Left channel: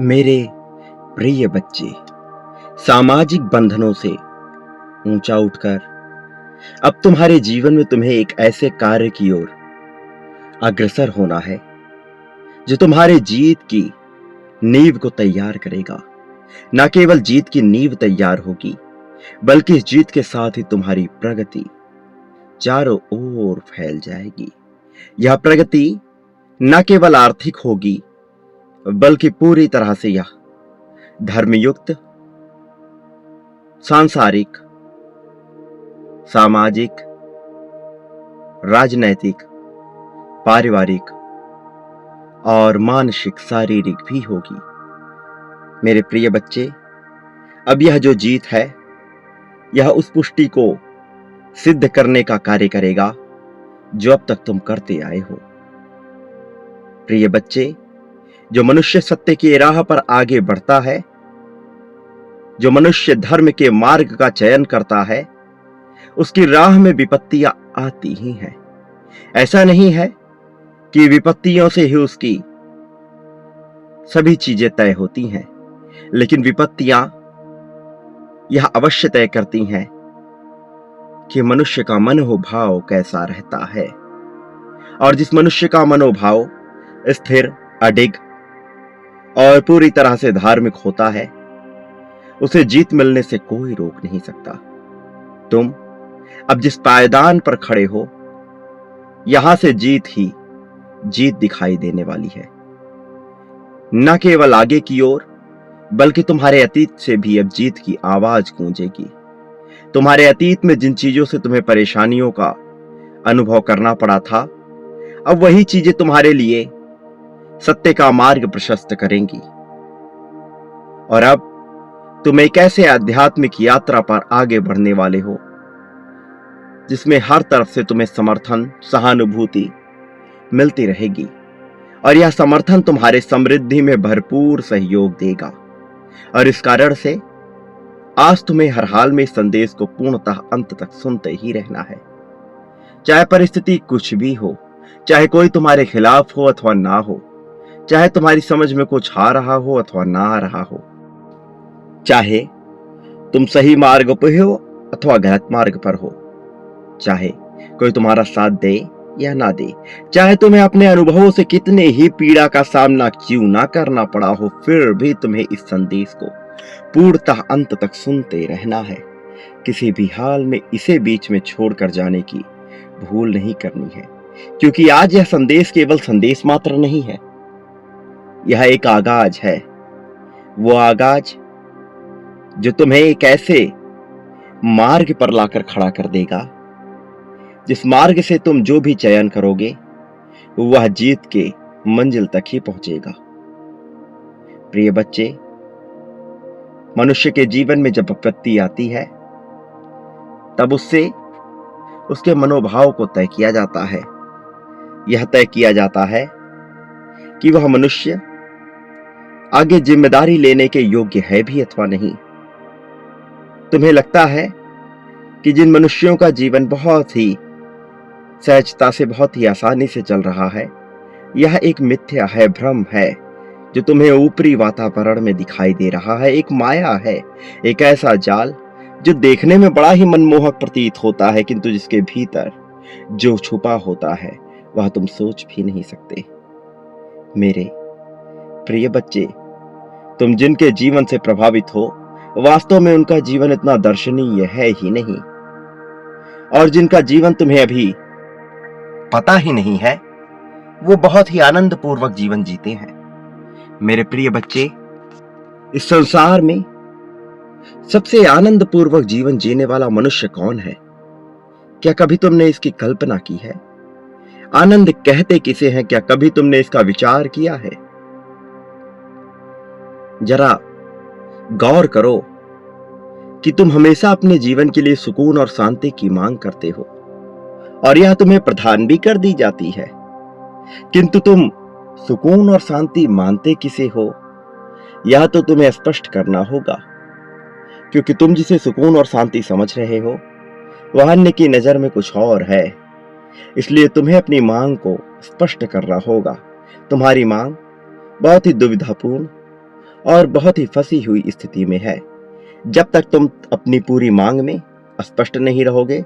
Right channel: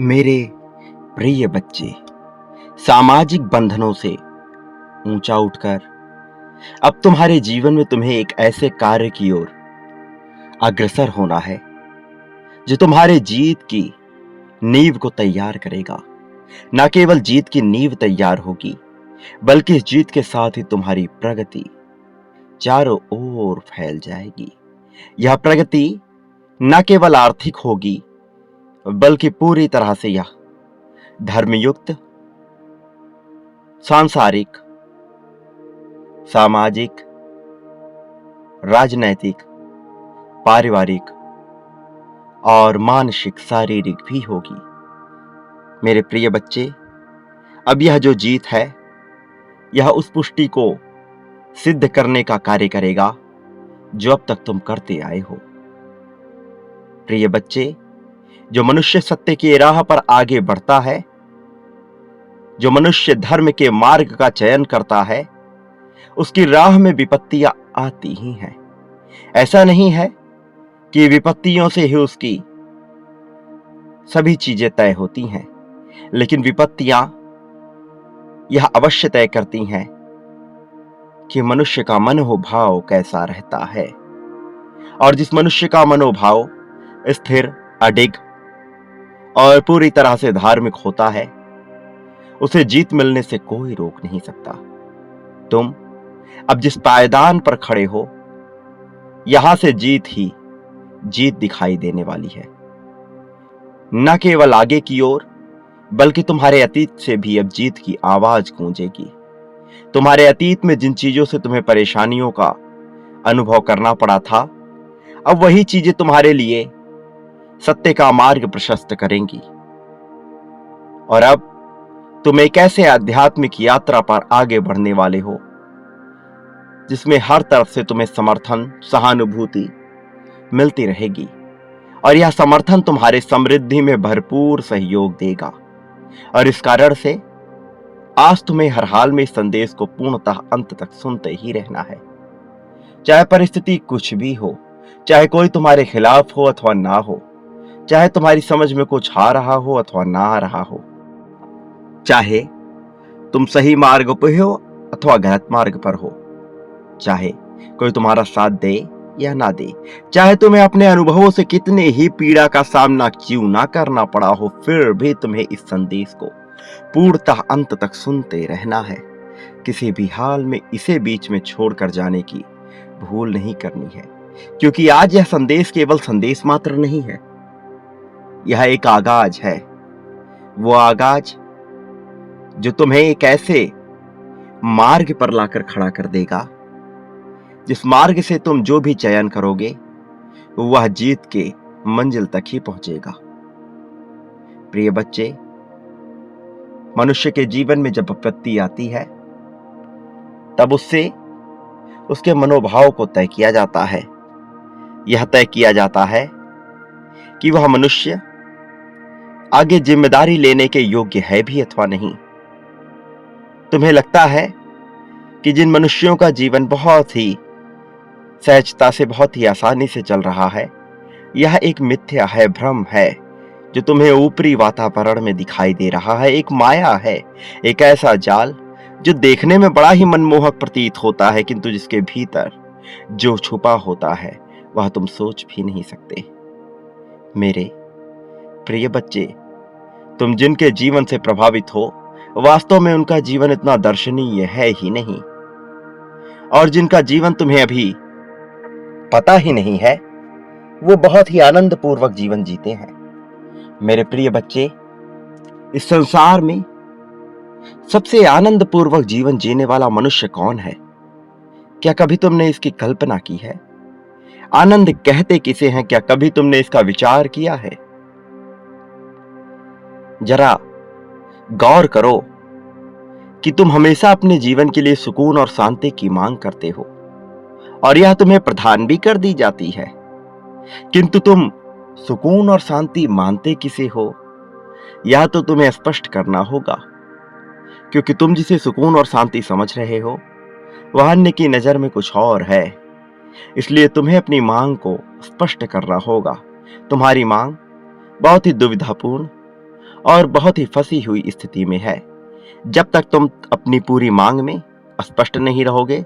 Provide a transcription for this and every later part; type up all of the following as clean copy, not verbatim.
मेरे प्रिय बच्चे, सामाजिक बंधनों से ऊंचा उठकर अब तुम्हारे जीवन में तुम्हें एक ऐसे कार्य की ओर अग्रसर होना है जो तुम्हारे जीत की नींव को तैयार करेगा। न केवल जीत की नींव तैयार होगी, बल्कि इस जीत के साथ ही तुम्हारी प्रगति चारों ओर फैल जाएगी। यह प्रगति न केवल आर्थिक होगी, बल्कि पूरी तरह से यह धर्मयुक्त, सांसारिक, सामाजिक, राजनैतिक, पारिवारिक और मानसिक, शारीरिक भी होगी। मेरे प्रिय बच्चे, अब यह जो जीत है, यह उस पुष्टि को सिद्ध करने का कार्य करेगा जो अब तक तुम करते आए हो। प्रिय बच्चे, जो मनुष्य सत्य की राह पर आगे बढ़ता है, जो मनुष्य धर्म के मार्ग का चयन करता है, उसकी राह में विपत्तियां आती ही हैं। ऐसा नहीं है कि विपत्तियों से ही उसकी सभी चीजें तय होती हैं, लेकिन विपत्तियां यह अवश्य तय करती हैं कि मनुष्य का मनोभाव कैसा रहता है। और जिस मनुष्य का मनोभाव स्थिर, अडिग और पूरी तरह से धार्मिक होता है, उसे जीत मिलने से कोई रोक नहीं सकता। तुम अब जिस पायदान पर खड़े हो, यहां से जीत ही जीत दिखाई देने वाली है। न केवल आगे की ओर, बल्कि तुम्हारे अतीत से भी अब जीत की आवाज गूंजेगी। तुम्हारे अतीत में जिन चीजों से तुम्हें परेशानियों का अनुभव करना पड़ा था, अब वही चीजें तुम्हारे लिए सत्य का मार्ग प्रशस्त करेंगी। और अब तुम एक ऐसे आध्यात्मिक यात्रा पर आगे बढ़ने वाले हो जिसमें हर तरफ से तुम्हें समर्थन, सहानुभूति मिलती रहेगी। और यह समर्थन तुम्हारे समृद्धि में भरपूर सहयोग देगा। और इस कारण से आज तुम्हें हर हाल में इस संदेश को पूर्णतः अंत तक सुनते ही रहना है। चाहे परिस्थिति कुछ भी हो, चाहे कोई तुम्हारे खिलाफ हो अथवा ना हो, चाहे तुम्हारी समझ में कुछ आ रहा हो अथवा ना आ रहा हो, चाहे तुम सही मार्ग पर हो अथवा गलत मार्ग पर हो, चाहे कोई तुम्हारा साथ दे या ना दे, चाहे तुम्हें अपने अनुभवों से कितने ही पीड़ा का सामना क्यों ना करना पड़ा हो, फिर भी तुम्हें इस संदेश को पूर्णतः अंत तक सुनते रहना है। किसी भी हाल में इसे बीच में छोड़कर जाने की भूल नहीं करनी है, क्योंकि आज यह संदेश केवल संदेश मात्र नहीं है, यह एक आगाज है। वो आगाज जो तुम्हें एक ऐसे मार्ग पर लाकर खड़ा कर देगा जिस मार्ग से तुम जो भी चयन करोगे वह जीत के मंजिल तक ही पहुंचेगा। प्रिय बच्चे, मनुष्य के जीवन में जब विपत्ति आती है, तब उससे उसके मनोभाव को तय किया जाता है। यह तय किया जाता है कि वह मनुष्य आगे जिम्मेदारी लेने के योग्य है भी अथवा नहीं। तुम्हें लगता है कि जिन मनुष्यों का जीवन बहुत ही सहजता से, बहुत ही आसानी से चल रहा है, यह एक मिथ्या है, भ्रम है जो तुम्हें ऊपरी वातावरण में दिखाई दे रहा है। एक माया है, एक ऐसा जाल जो देखने में बड़ा ही मनमोहक प्रतीत होता है, किंतु जिसके भीतर जो छुपा होता है वह तुम सोच भी नहीं सकते। मेरे प्रिय बच्चे, तुम जिनके जीवन से प्रभावित हो, वास्तव में उनका जीवन इतना दर्शनीय है ही नहीं, और जिनका जीवन तुम्हें अभी पता ही नहीं है, वो बहुत ही आनंद पूर्वक जीवन जीते हैं। मेरे प्रिय बच्चे, इस संसार में सबसे आनंद पूर्वक जीवन जीने वाला मनुष्य कौन है? क्या कभी तुमने इसकी कल्पना की है? आनंद कहते किसे हैं? क्या कभी तुमने इसका विचार किया है? जरा गौर करो कि तुम हमेशा अपने जीवन के लिए सुकून और शांति की मांग करते हो, और यह तुम्हें प्रदान भी कर दी जाती है, किंतु तुम सुकून और शांति मानते किसे हो, यह तो तुम्हें स्पष्ट करना होगा। क्योंकि तुम जिसे सुकून और शांति समझ रहे हो, वह अन्य की नजर में कुछ और है। इसलिए तुम्हें अपनी मांग को स्पष्ट करना होगा। तुम्हारी मांग बहुत ही दुविधापूर्ण और बहुत ही फंसी हुई स्थिति में है। जब तक तुम अपनी पूरी मांग में स्पष्ट नहीं रहोगे,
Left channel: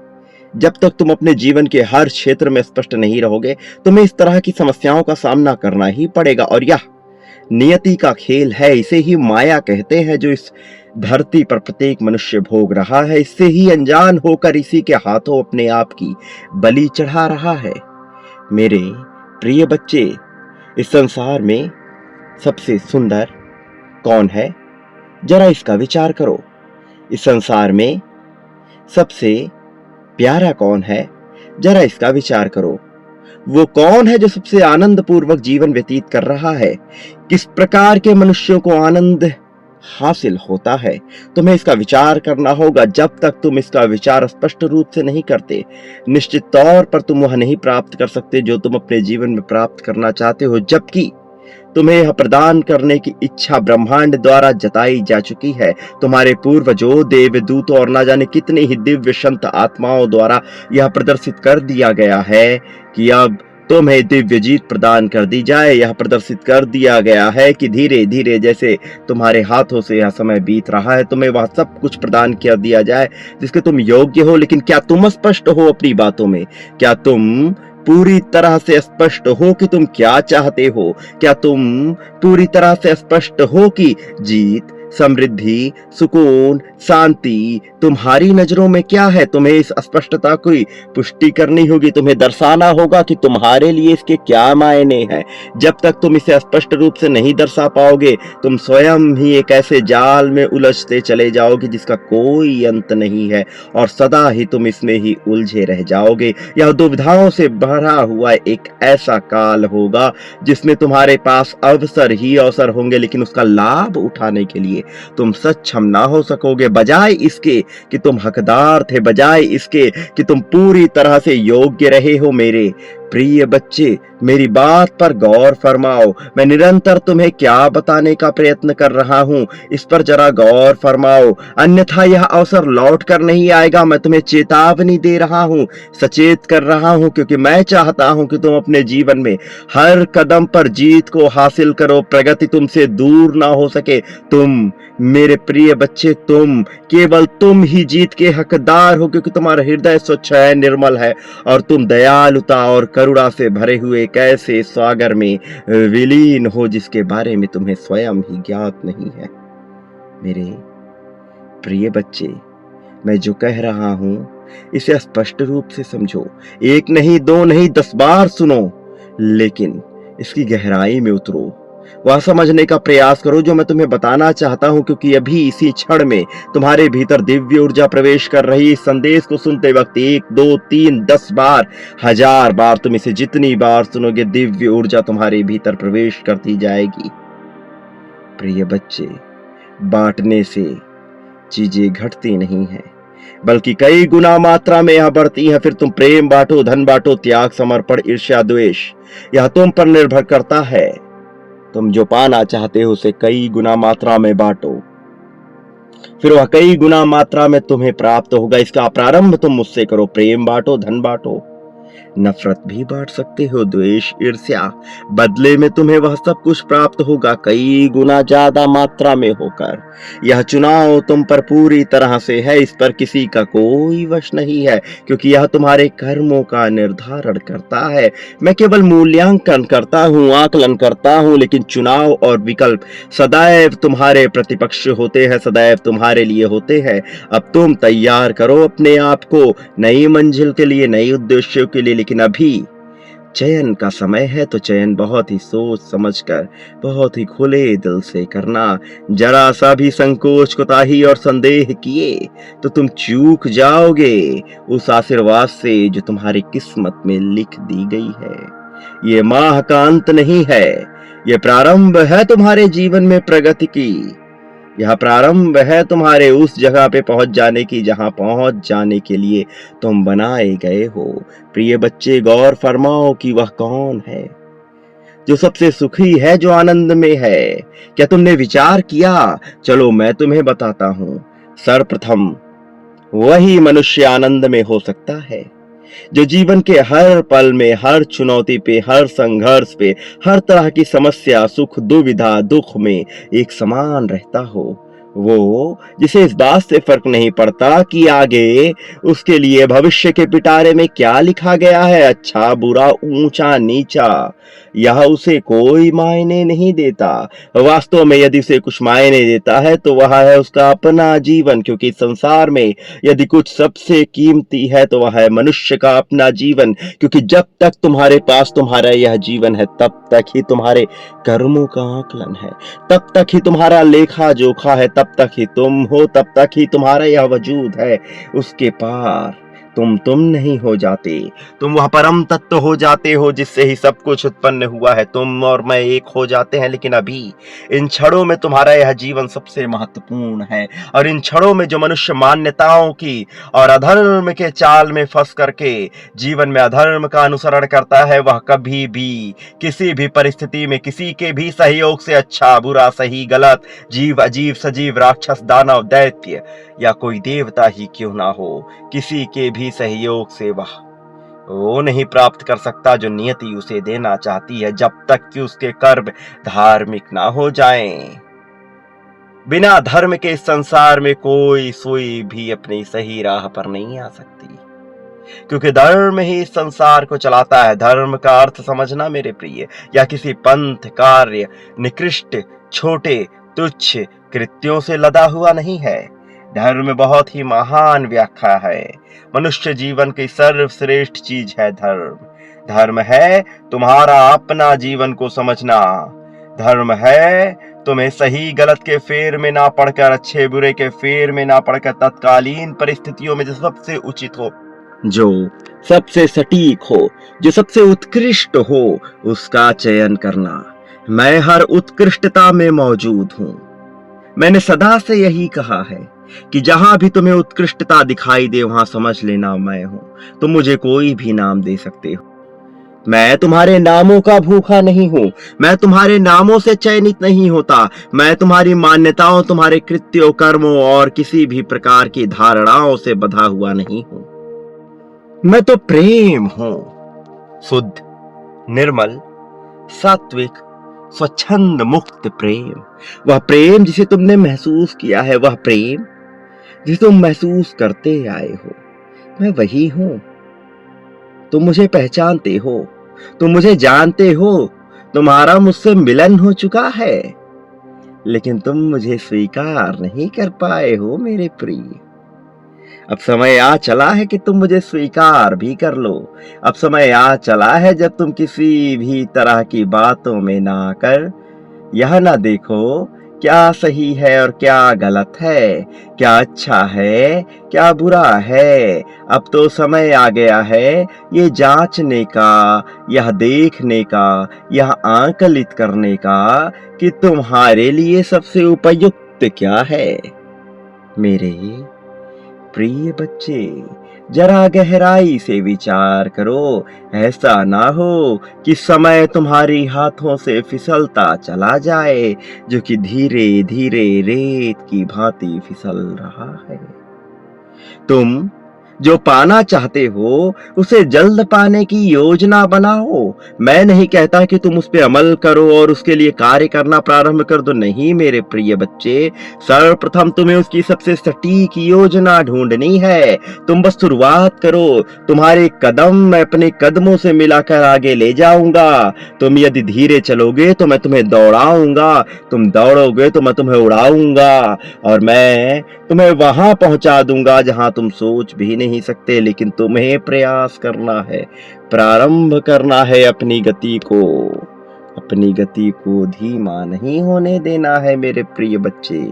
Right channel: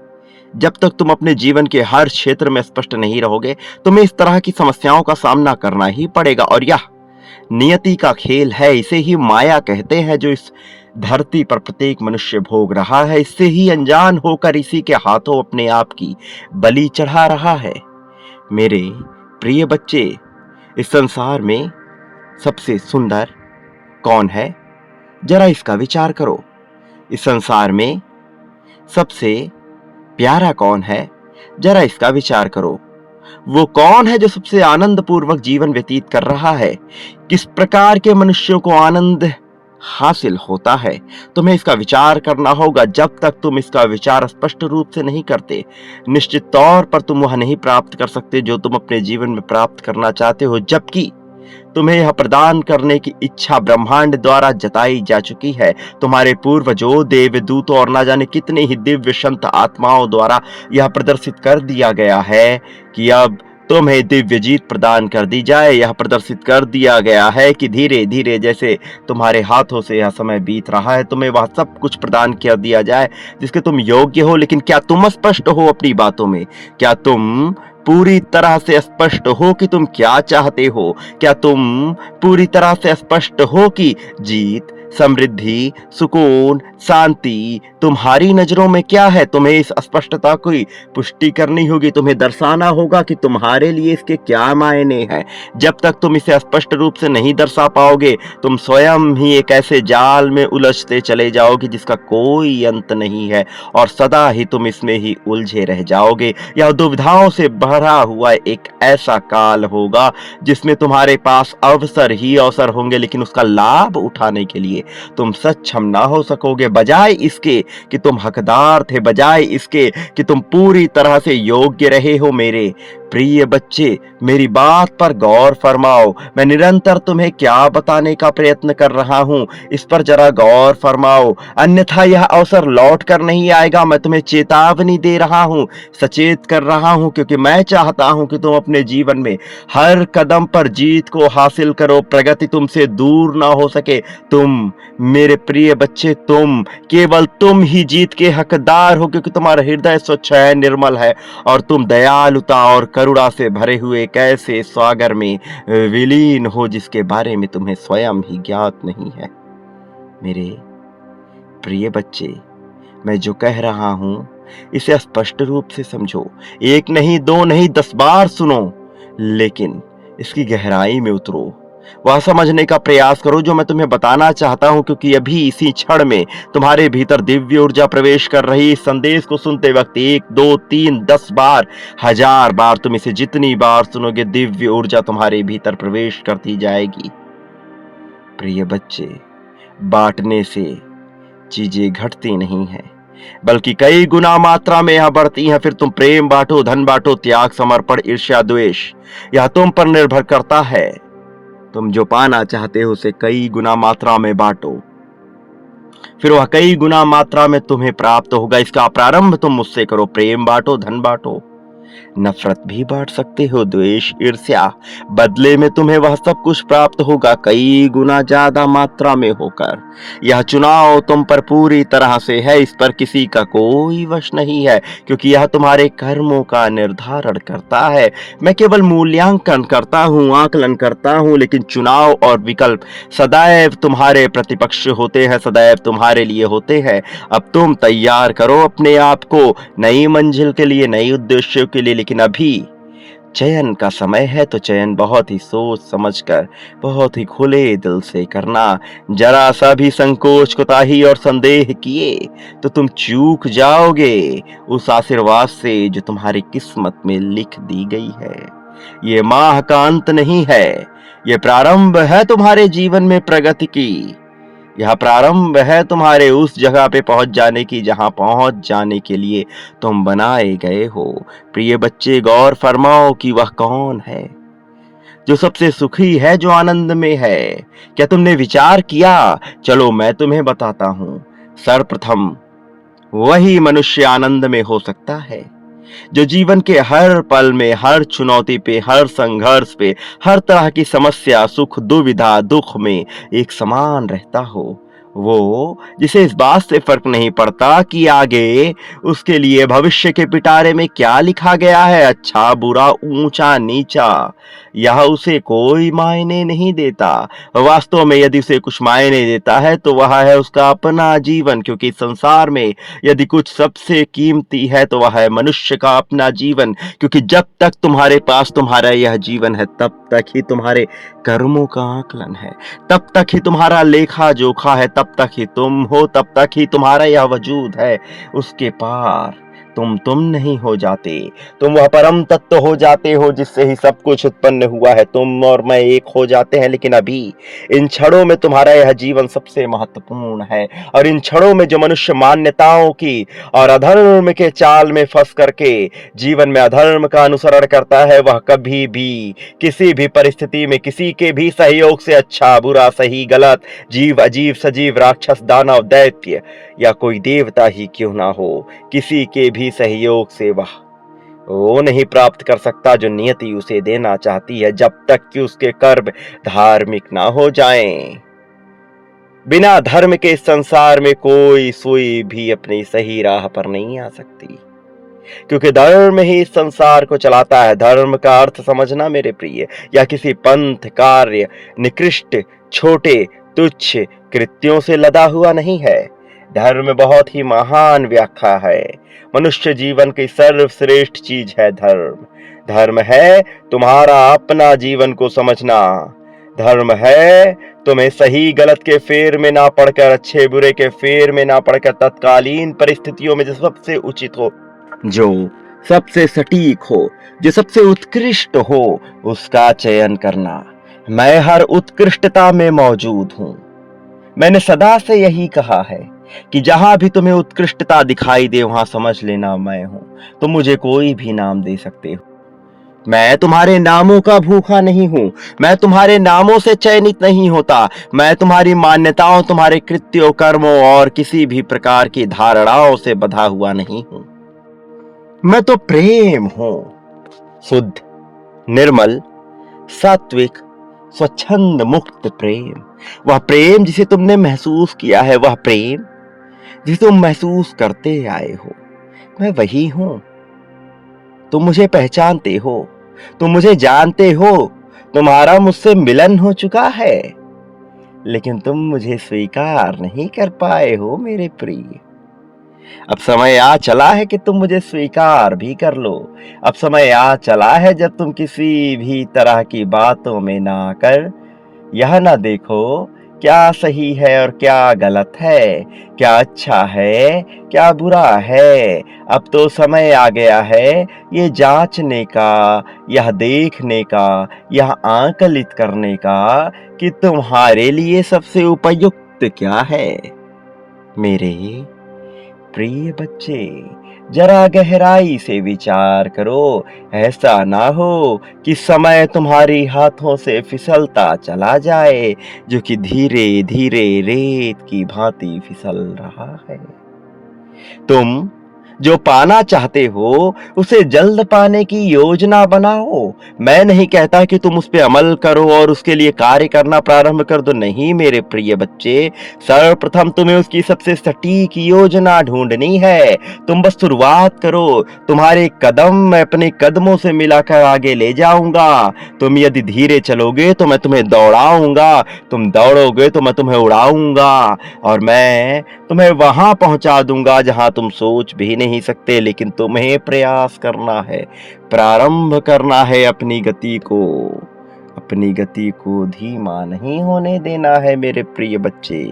जब तक तुम अपने जीवन के हर क्षेत्र में स्पष्ट नहीं रहोगे, तुम्हें इस तरह की समस्याओं का सामना करना ही पड़ेगा। और यह नियति का खेल है, इसे ही माया कहते हैं, जो इस धरती पर प्रत्येक मनुष्य भोग रहा है। इससे ही अनजान होकर इसी के हाथों अपने आप की बलि चढ़ा रहा है। मेरे प्रिय बच्चे, इस संसार में सबसे सुंदर कौन है? जरा इसका विचार करो। इस संसार में सबसे प्यारा कौन है? जरा इसका विचार करो। वो कौन है जो सबसे आनंद पूर्वक जीवन व्यतीत कर रहा है? किस प्रकार के मनुष्यों को आनंद हासिल होता है? तुम्हें इसका विचार करना होगा। जब तक तुम इसका विचार स्पष्ट रूप से नहीं करते, निश्चित तौर पर तुम वह नहीं प्राप्त कर सकते जो तुम अपने जीवन में प्राप्त करना चाहते हो। जबकि तुम्हें यह प्रदान करने की इच्छा ब्रह्मांड द्वारा जताई जा चुकी है। तुम्हारे पूर्वजों, देवदूतों और न जाने कितने ही दिव्य संत आत्माओं द्वारा यह प्रदर्शित कर दिया गया है कि अब तुम्हें दिव्य जीत प्रदान कर दी जाए। यह प्रदर्शित कर दिया गया है कि धीरे धीरे जैसे तुम्हारे हाथों से यह समय बीत रहा है, तुम्हें वह सब कुछ प्रदान कर दिया जाए जिसके तुम योग्य हो। लेकिन क्या तुम स्पष्ट हो अपनी बातों में? क्या तुम पूरी तरह से स्पष्ट हो कि तुम क्या चाहते हो? क्या तुम पूरी तरह से स्पष्ट हो कि जीत, समृद्धि, सुकून, शांति तुम्हारी नजरों में क्या है? तुम्हें इस स्पष्टता की पुष्टि करनी होगी। तुम्हें दर्शाना होगा कि तुम्हारे लिए इसके क्या मायने हैं। जब तक तुम इसे स्पष्ट रूप से नहीं दर्शा पाओगे, तुम स्वयं ही एक ऐसे जाल में उलझते चले जाओगे जिसका कोई अंत नहीं है, और सदा ही तुम इसमें ही उलझे रह जाओगे। यह दुविधाओं से भरा हुआ एक ऐसा काल होगा जिसमें तुम्हारे पास अवसर ही अवसर होंगे, लेकिन उसका लाभ उठाने के लिए तुम सक्षम ना हो सकोगे। बजाय इसके कि तुम हकदार थे, बजाय इसके कि तुम पूरी तरह से योग्य रहे हो, मेरे प्रिय बच्चे, मेरी बात पर गौर फरमाओ। मैं निरंतर तुम्हें क्या बताने का प्रयत्न कर रहा हूं, इस पर जरा गौर फरमाओ, अन्यथा यह अवसर लौट कर नहीं आएगा। मैं तुम्हें चेतावनी दे रहा हूं, सचेत कर रहा हूं, क्योंकि मैं चाहता हूं कि तुम अपने जीवन में हर कदम पर जीत को हासिल करो, प्रगति तुमसे दूर ना हो सके। तुम मेरे प्रिय बच्चे, केवल तुम ही जीत के हकदार हो, क्योंकि तुम्हारा हृदय स्वच्छ है, निर्मल है, और तुम दयालुता और करुणा से भरे हुए एक ऐसे सागर में विलीन हो जिसके बारे में तुम्हें स्वयं ही ज्ञात नहीं है। मेरे प्रिय बच्चे, मैं जो कह रहा हूं इसे स्पष्ट रूप से समझो। एक नहीं, दो नहीं, 10 बार सुनो, लेकिन इसकी गहराई में उतरो। वह समझने का प्रयास करो जो मैं तुम्हें बताना चाहता हूं, क्योंकि अभी इसी क्षण में तुम्हारे भीतर दिव्य ऊर्जा प्रवेश कर रही। इस संदेश को सुनते वक्त 1, 2, 3, 10 बार, 1000 बार, तुम इसे जितनी बार सुनोगे, दिव्य ऊर्जा तुम्हारे भीतर प्रवेश करती जाएगी। प्रिय बच्चे, बांटने से चीजें घटती नहीं है, बल्कि कई गुना मात्रा में यह बढ़ती हैं। फिर तुम प्रेम बांटो, धन बांटो, त्याग, समर्पण, ईर्ष्या, द्वेष, यह तुम पर निर्भर करता है। तुम जो पाना चाहते हो उसे कई गुना मात्रा में बांटो, फिर वह कई गुना मात्रा में तुम्हें प्राप्त होगा। इसका प्रारंभ तुम मुझसे करो। प्रेम बांटो, धन बांटो, नफरत भी बांट सकते हो, द्वेष, ईर्ष्या, बदले में तुम्हें वह सब कुछ प्राप्त होगा, कई गुना ज्यादा मात्रा में होकर। यह चुनाव तुम पर पूरी तरह से है, इस पर किसी का कोई वश नहीं है, क्योंकि यह तुम्हारे कर्मों का निर्धारण करता है। मैं केवल मूल्यांकन करता हूँ, आकलन करता हूँ, लेकिन चुनाव और विकल्प सदैव तुम्हारे प्रतिपक्ष होते हैं, सदैव तुम्हारे लिए होते हैं। अब तुम तैयार करो अपने आप को नई मंजिल के लिए, नई उद्देश्यों के लिए। लेकिन अभी चयन का समय है, तो चयन बहुत ही सोच समझकर, बहुत ही खुले दिल से करना। जरा सा भी संकोच, कोताही और संदेह किए तो तुम चूक जाओगे उस आशीर्वाद से जो तुम्हारी किस्मत में लिख दी गई है। ये माह का अंत नहीं है, ये प्रारंभ है तुम्हारे जीवन में प्रगति की। यह प्रारंभ है तुम्हारे उस जगह पे पहुंच जाने की जहां पहुंच जाने के लिए तुम बनाए गए हो। प्रिय बच्चे, गौर फरमाओ कि वह कौन है जो सबसे सुखी है, जो आनंद में है। क्या तुमने विचार किया? चलो मैं तुम्हें बताता हूं। सर्वप्रथम वही मनुष्य आनंद में हो सकता है जो जीवन के हर पल में, हर चुनौती पे, हर संघर्ष पे, हर तरह की समस्या, सुख, दुविधा, दुख में एक समान रहता हो, वो जिसे इस बात से फर्क नहीं पड़ता कि आगे उसके लिए भविष्य के पिटारे में क्या लिखा गया है, अच्छा बुरा, ऊंचा नीचा, यह उसे कोई मायने नहीं देता। वास्तव में यदि उसे कुछ मायने देता है तो वह है उसका अपना जीवन, क्योंकि संसार में यदि कुछ सबसे कीमती है तो वह है मनुष्य का अपना जीवन, क्योंकि जब तक तुम्हारे पास तुम्हारा यह जीवन है तब तक ही तुम्हारे कर्मों का आकलन है, तब तक ही तुम्हारा लेखा जोखा है, तब तक ही तुम हो, तब तक ही तुम्हारा यह वजूद है। उसके पार तुम नहीं हो जाते, तुम वह परम तत्व हो जाते हो जिससे ही सब कुछ उत्पन्न हुआ है। तुम और मैं एक हो जाते हैं, लेकिन अभी इन क्षणों में तुम्हारा यह जीवन सबसे महत्वपूर्ण है। और इन क्षणों में जो मनुष्य मान्यताओं की और अधर्म के जाल में फंस करके जीवन में अधर्म का अनुसरण करता है, वह कभी भी किसी भी परिस्थिति में किसी के भी सहयोग से, अच्छा बुरा सही गलत, जीव अजीब सजीव, राक्षस दानव दैत्य या कोई देवता ही क्यों ना हो, किसी के भी सहयोग से वह वो नहीं प्राप्त कर सकता जो नियति उसे देना चाहती है, जब तक कि उसके कर्म धार्मिक ना हो जाएं। बिना धर्म के इस संसार में कोई सुई भी अपनी सही राह पर नहीं आ सकती, क्योंकि धर्म ही इस संसार को चलाता है। धर्म का अर्थ समझना मेरे प्रिय, या किसी पंथ, कार्य, निकृष्ट, छोटे, तुच्छ कृत्यों से लदा हुआ नहीं है। धर्म बहुत ही महान व्याख्या है। मनुष्य जीवन की सर्वश्रेष्ठ चीज है धर्म। धर्म है तुम्हारा अपना जीवन को समझना। धर्म है तुम्हें सही गलत के फेर में ना पड़कर, अच्छे बुरे के फेर में ना पड़कर, तत्कालीन परिस्थितियों में जो सबसे उचित हो, जो सबसे सटीक हो, जो सबसे उत्कृष्ट हो, उसका चयन करना। मैं हर उत्कृष्टता में मौजूद हूं। मैंने सदा से यही कहा है कि जहां भी तुम्हें उत्कृष्टता दिखाई दे वहां समझ लेना मैं हूं। तुम मुझे कोई भी नाम दे सकते हो, मैं तुम्हारे नामों का भूखा नहीं हूं। मैं तुम्हारे नामों से चयनित नहीं होता। मैं तुम्हारी मान्यताओं, तुम्हारे कृत्यों, कर्मों और किसी भी प्रकार की धारणाओं से बंधा हुआ नहीं हूं। मैं तो प्रेम हूं, शुद्ध, निर्मल, सात्विक, स्वच्छंद, मुक्त प्रेम। वह प्रेम जिसे तुमने महसूस किया है, वह प्रेम जिसे तुम महसूस करते आए हो, मैं वही हूं। तुम मुझे पहचानते हो, तुम मुझे जानते हो, तुम्हारा मुझसे मिलन हो चुका है, लेकिन तुम मुझे स्वीकार नहीं कर पाए हो मेरे प्रिय। अब समय आ चला है कि तुम मुझे स्वीकार भी कर लो। अब समय आ चला है जब तुम किसी भी तरह की बातों में ना आकर यह ना देखो क्या सही है और क्या गलत है, क्या अच्छा है, क्या बुरा है। अब तो समय आ गया है ये जांचने का, यह देखने का, यह आकलित करने का कि तुम्हारे लिए सबसे उपयुक्त क्या है। मेरे प्रिय बच्चे, जरा गहराई से विचार करो। ऐसा ना हो कि समय तुम्हारे हाथों से फिसलता चला जाए, जो कि धीरे धीरे रेत की भांति फिसल रहा है। तुम जो पाना चाहते हो उसे जल्द पाने की योजना बनाओ। मैं नहीं कहता कि तुम उस पर अमल करो और उसके लिए कार्य करना प्रारंभ कर दो, नहीं मेरे प्रिय बच्चे। सर्वप्रथम तुम्हें उसकी सबसे सटीक योजना ढूंढनी है। तुम बस शुरुआत करो। तुम्हारे कदम मैं अपने कदमों से मिलाकर आगे ले जाऊंगा। तुम यदि धीरे चलोगे तो मैं तुम्हें दौड़ाऊंगा, तुम दौड़ोगे तो मैं तुम्हें उड़ाऊंगा, और मैं तुम्हें वहां पहुंचा दूंगा जहां तुम सोच भी नहीं सकते। लेकिन तुम्हें प्रयास करना है, प्रारंभ करना है अपनी गति को धीमा नहीं होने देना है मेरे प्रिय बच्चे।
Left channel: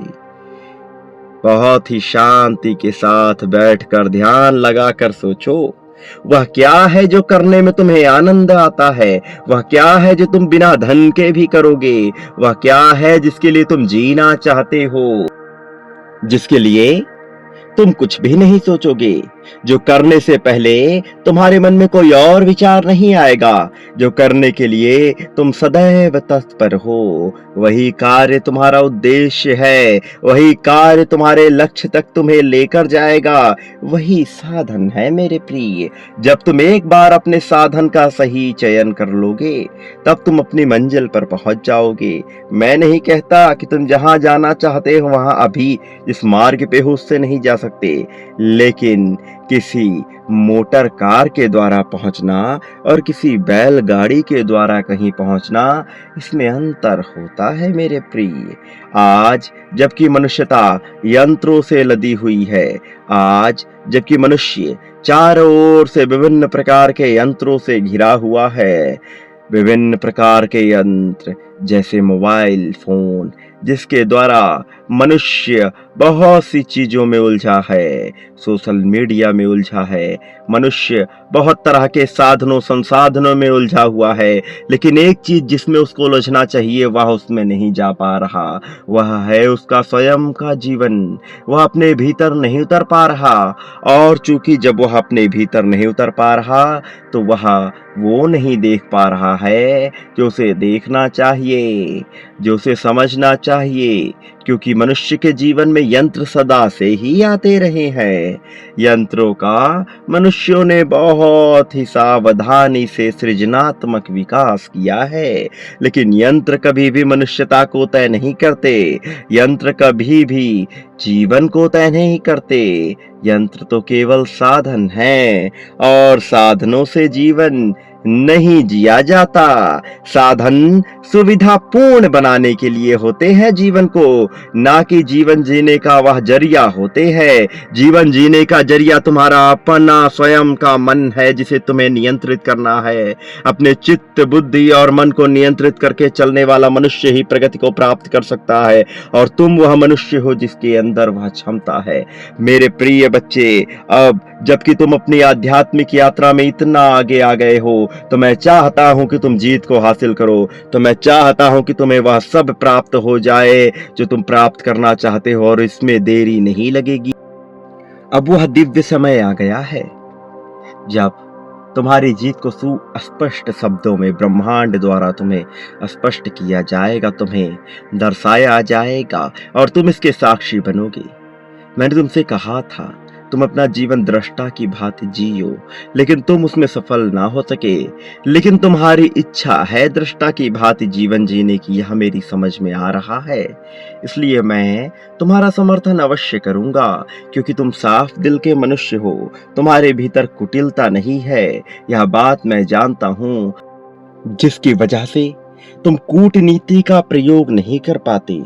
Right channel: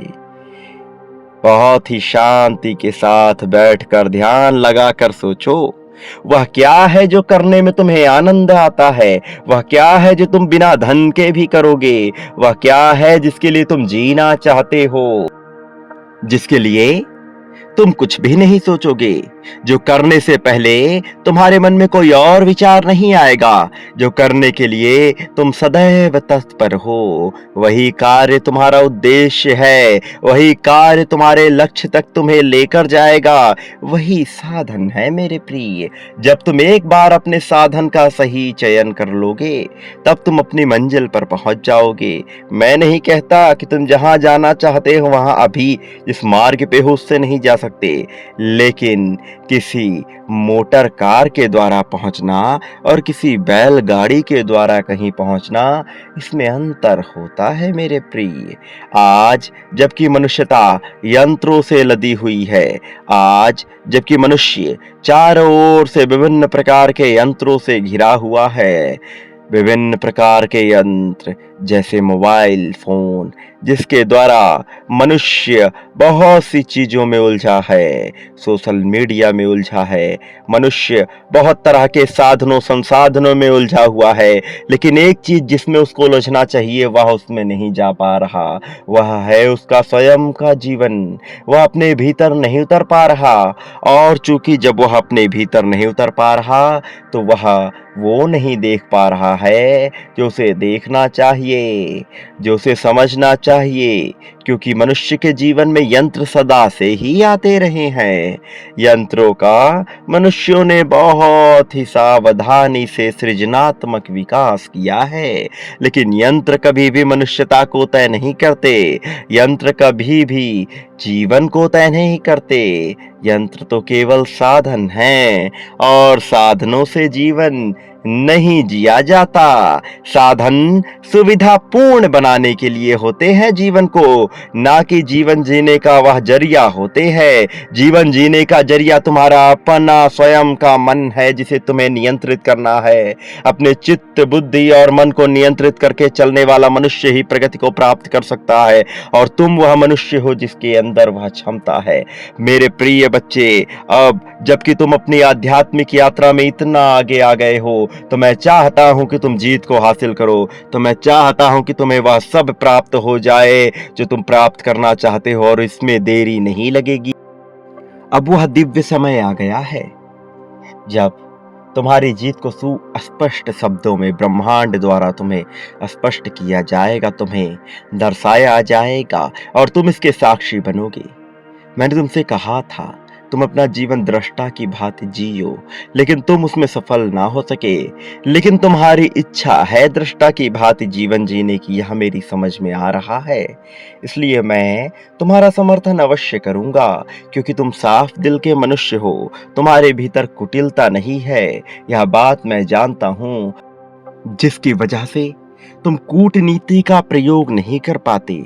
बहुत ही शांति के साथ बैठकर ध्यान लगाकर सोचो, वह क्या है जो करने में तुम्हें आनंद आता है। वह क्या है जो तुम बिना धन के भी करोगे। वह क्या है जिसके लिए तुम जीना चाहते हो, जिसके लिए तुम कुछ भी नहीं सोचोगे। जो करने से पहले तुम्हारे मन में कोई और विचार नहीं आएगा। जो करने के लिए तुम सदैव तत्पर हो, वही कार्य तुम्हारा उद्देश्य है। वही कार्य तुम्हारे लक्ष्य तक तुम्हें लेकर जाएगा। वही साधन है मेरे प्रिय। जब तुम एक बार अपने साधन का सही चयन कर लोगे, तब तुम अपनी मंजिल पर पहुंच जाओगे। मैं नहीं कहता कि तुम जहां जाना चाहते हो वहां अभी इस मार्ग पे हो उससे नहीं जा सकते, लेकिन किसी मोटर कार के द्वारा पहुंचना और किसी बैलगाड़ी के द्वारा कहीं पहुंचना, इसमें अंतर होता है मेरे प्रिय। आज जबकि मनुष्यता यंत्रों से लदी हुई है, आज जबकि मनुष्य चारों ओर से विभिन्न प्रकार के यंत्रों से घिरा हुआ है, विभिन्न प्रकार के यंत्र जैसे मोबाइल फोन, जिसके द्वारा मनुष्य बहुत सी चीजों में उलझा है, सोशल मीडिया में उलझा है, मनुष्य बहुत तरह के साधनों संसाधनों में उलझा हुआ है, लेकिन एक चीज जिसमें उसको उलझना चाहिए वह उसमें नहीं जा पा रहा। वह है उसका स्वयं का जीवन। वह अपने भीतर नहीं उतर पा रहा, और चूंकि जब वह अपने भीतर नहीं उतर पा रहा, तो वह वो नहीं देख पा रहा है जो उसे देखना चाहिए, जो उसे समझना चाहिए। क्योंकि मनुष्य के जीवन में यंत्र सदा से ही आते रहे हैं। यंत्रों का मनुष्यों ने बहुत ही सावधानी से सृजनात्मक विकास किया है, लेकिन यंत्र कभी भी मनुष्यता को तय नहीं करते। यंत्र कभी भी जीवन को तय नहीं करते। यंत्र तो केवल साधन हैं, और साधनों से जीवन नहीं जिया जाता। साधन सुविधा पूर्ण बनाने के लिए होते हैं जीवन को, ना कि जीवन जीने का वह जरिया होते हैं। जीवन जीने का जरिया तुम्हारा अपना स्वयं का मन है, जिसे तुम्हें नियंत्रित करना है। अपने चित्त बुद्धि और मन को नियंत्रित करके चलने वाला मनुष्य ही प्रगति को प्राप्त कर सकता है, और तुम वह मनुष्य हो जिसके अंदर वह क्षमता है। मेरे प्रिय बच्चे, अब जबकि तुम अपनी आध्यात्मिक यात्रा में इतना आगे आ गए हो, तो मैं चाहता हूं कि तुम जीत को हासिल करो। तो मैं चाहता हूं कि तुम्हें वह सब प्राप्त हो जाए जो तुम प्राप्त करना चाहते हो, और इसमें देरी नहीं लगेगी। अब वह दिव्य समय आ गया है जब तुम्हारी जीत को सुस्पष्ट शब्दों में ब्रह्मांड द्वारा तुम्हें स्पष्ट किया जाएगा, तुम्हें दर्शाया जाएगा, और तुम इसके साक्षी बनोगे। मैंने तुमसे कहा था तुम अपना जीवन दृष्टा की भांति जियो, लेकिन तुम उसमें सफल ना हो सके। लेकिन तुम्हारी इच्छा है दृष्टा की भांति जीवन जीने की, यह मेरी समझ में आ रहा है। इसलिए मैं तुम्हारा समर्थन अवश्य करूंगा, क्योंकि तुम साफ दिल के मनुष्य हो। तुम्हारे भीतर कुटिलता नहीं है, यह बात मैं जानता हूं, जिसकी वजह से तुम कूटनीति का प्रयोग नहीं कर पाते,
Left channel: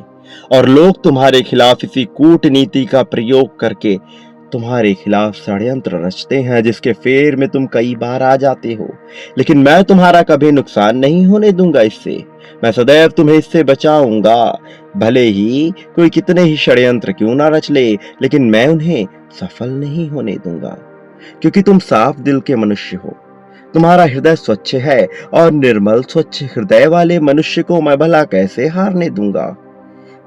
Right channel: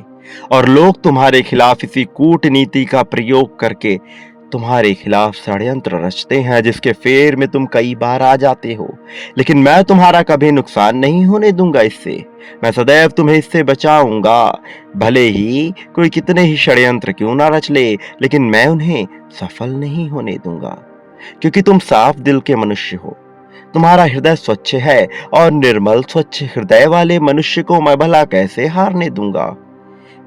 और लोग तुम्हारे खिलाफ इसी कूटनीति का प्रयोग करके तुम्हारे खिलाफ षड्यंत्र रचते हैं, जिसके फेर में तुम कई बार आ जाते हो। लेकिन मैं तुम्हारा कभी नुकसान नहीं होने दूंगा इससे। मैं सदैव तुम्हें इससे बचाऊंगा। भले ही कोई कितने ही षड्यंत्र क्यों ना रच ले, लेकिन मैं उन्हें सफल नहीं होने दूंगा, क्योंकि तुम साफ दिल के मनुष्य हो। तुम्हारा हृदय स्वच्छ है, और निर्मल स्वच्छ हृदय वाले मनुष्य को मैं भला कैसे हारने दूंगा।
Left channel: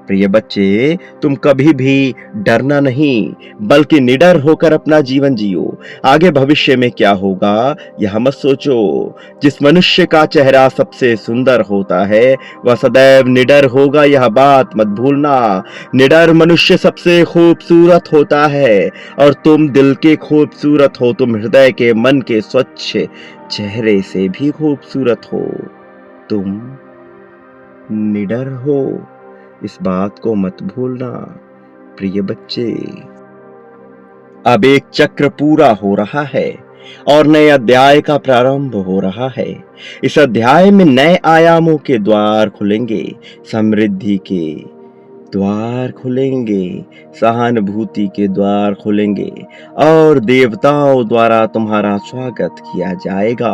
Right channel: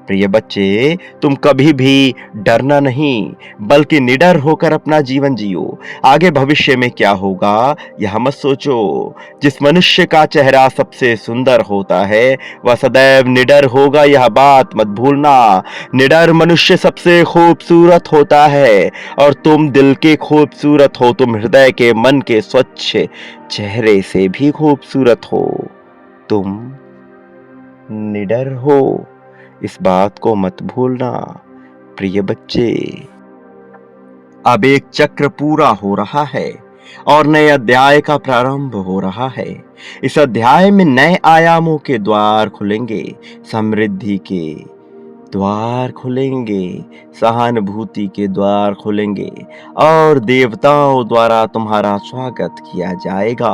प्रिय बच्चे, तुम कभी भी डरना नहीं, बल्कि निडर होकर अपना जीवन जियो। आगे भविष्य में क्या होगा यह मत सोचो। जिस मनुष्य का चेहरा सबसे सुंदर होता है, वह सदैव निडर होगा, यह बात मत भूलना। निडर मनुष्य सबसे खूबसूरत होता है, और तुम दिल के खूबसूरत हो। तुम हृदय के मन के स्वच्छ चेहरे से भी खूबसूरत हो। तुम निडर हो, इस बात को मत भूलना प्रिय बच्चे। अब एक चक्र पूरा हो रहा है, और नए अध्याय का प्रारंभ हो रहा है। इस अध्याय में नए आयामों के द्वार खुलेंगे, समृद्धि के द्वार खुलेंगे, सहानुभूति के द्वार खुलेंगे, और देवताओं द्वारा तुम्हारा स्वागत किया जाएगा,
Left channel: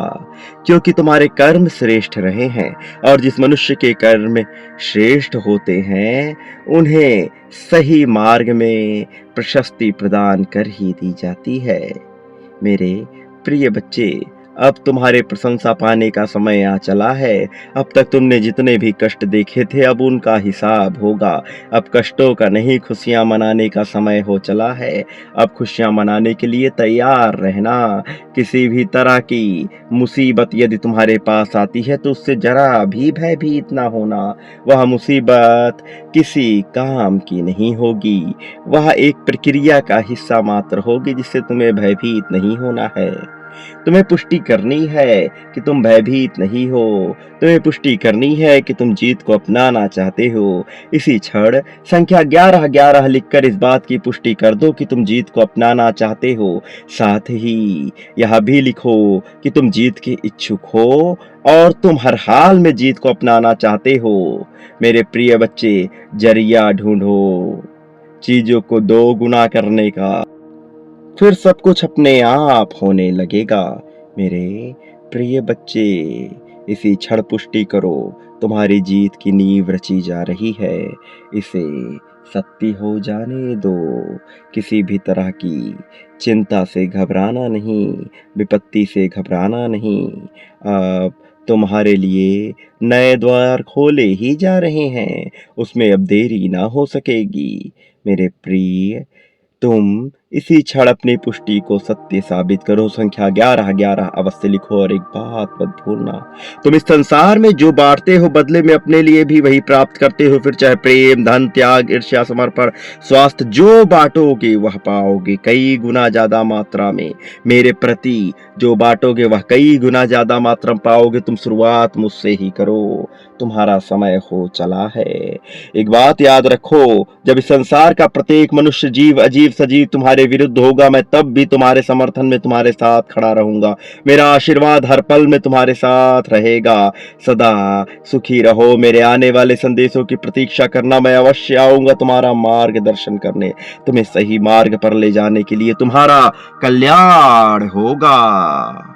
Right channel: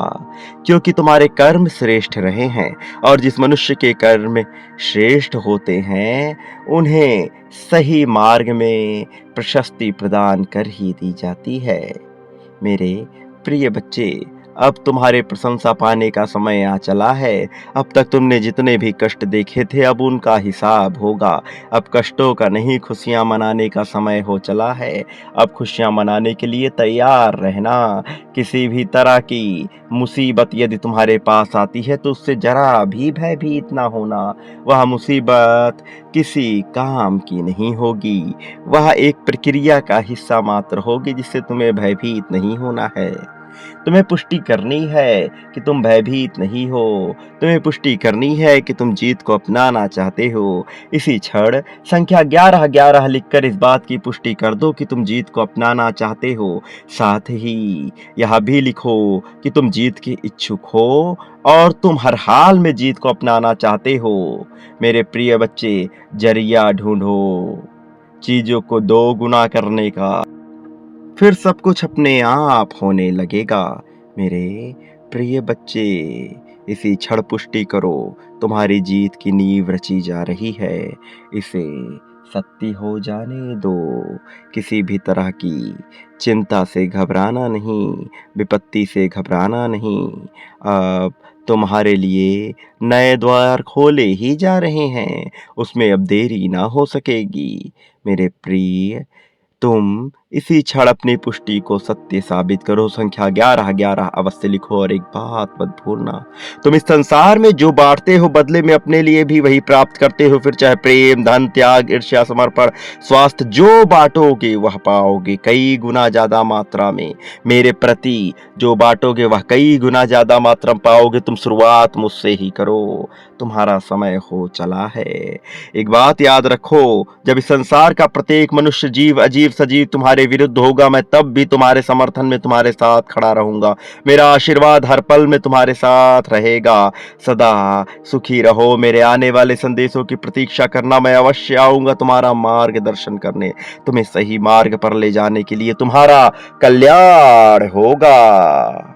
क्योंकि तुम्हारे कर्म श्रेष्ठ रहे हैं। और जिस मनुष्य के कर्म श्रेष्ठ होते हैं, उन्हें सही मार्ग में प्रशस्ति प्रदान कर ही दी जाती है। मेरे प्रिय बच्चे, अब तुम्हारे प्रशंसा पाने का समय आ चला है। अब तक तुमने जितने भी कष्ट देखे थे अब उनका हिसाब होगा। अब कष्टों का नहीं खुशियां मनाने का समय हो चला है। अब खुशियां मनाने के लिए तैयार रहना। किसी भी तरह की मुसीबत यदि तुम्हारे पास आती है तो उससे जरा भी भयभीत ना होना। वह मुसीबत किसी काम की नहीं होगी। वह एक प्रक्रिया का हिस्सा मात्र होगी जिससे तुम्हें भयभीत नहीं होना है। तुम्हें पुष्टि करनी है कि तुम भयभीत नहीं हो। तुम्हें पुष्टि करनी है कि तुम जीत को अपनाना चाहते हो। इसी क्षण संख्या 1111 लिखकर इस बात की पुष्टि कर दो कि तुम जीत को अपनाना चाहते हो। साथ ही यह भी लिखो कि तुम जीत के इच्छुक हो और तुम हर हाल में जीत को अपनाना चाहते हो। मेरे प्रिय बच्चे, जरिया ढूंढो चीजों को दो गुना करने का, फिर सब कुछ अपने आप होने लगेगा। मेरे प्रिय बच्चे, इसी क्षण पुष्टि करो, तुम्हारी जीत की नींव रची जा रही है। इसे सत्य हो जाने दो। किसी भी तरह की चिंता से घबराना नहीं, विपत्ति से घबराना नहीं। अब तुम्हारे लिए नए द्वार खोले ही जा रहे हैं, उसमें अब देरी ना हो सकेगी। मेरे प्रिय, तुम इसी क्षण अपनी पुष्टि को सत्य साबित करो। संख्या 1111 अवश्य लिखो और एक बात मत भूलना, तुम इस संसार में जो बांटते हो बदले में अपने लिए भी वही प्राप्त करते हो। फिर चाहे प्रेम, धन, त्याग, ईर्ष्या, समर्पण, स्वास्थ्य, जो बांटोगे वह पाओगे कई गुना ज्यादा मात्रा में। मेरे प्रति जो बांटोगे वह कई गुना ज्यादा मात्रा में पाओगे। तुम शुरुआत मुझसे ही करो, तुम्हारा समय हो चला है। एक बात याद रखो, जब इस संसार का प्रत्येक मनुष्य, जीव, अजीब, सजीव तुम्हारे विरुद्ध होगा, मैं तब भी तुम्हारे समर्थन में तुम्हारे साथ खड़ा रहूंगा। मेरा आशीर्वाद हर पल में तुम्हारे साथ रहेगा। सदा सुखी रहो। मेरे आने वाले संदेशों की प्रतीक्षा करना, मैं अवश्य आऊंगा तुम्हारा मार्गदर्शन करने, तुम्हें सही मार्ग पर ले जाने के लिए। तुम्हारा कल्याण होगा।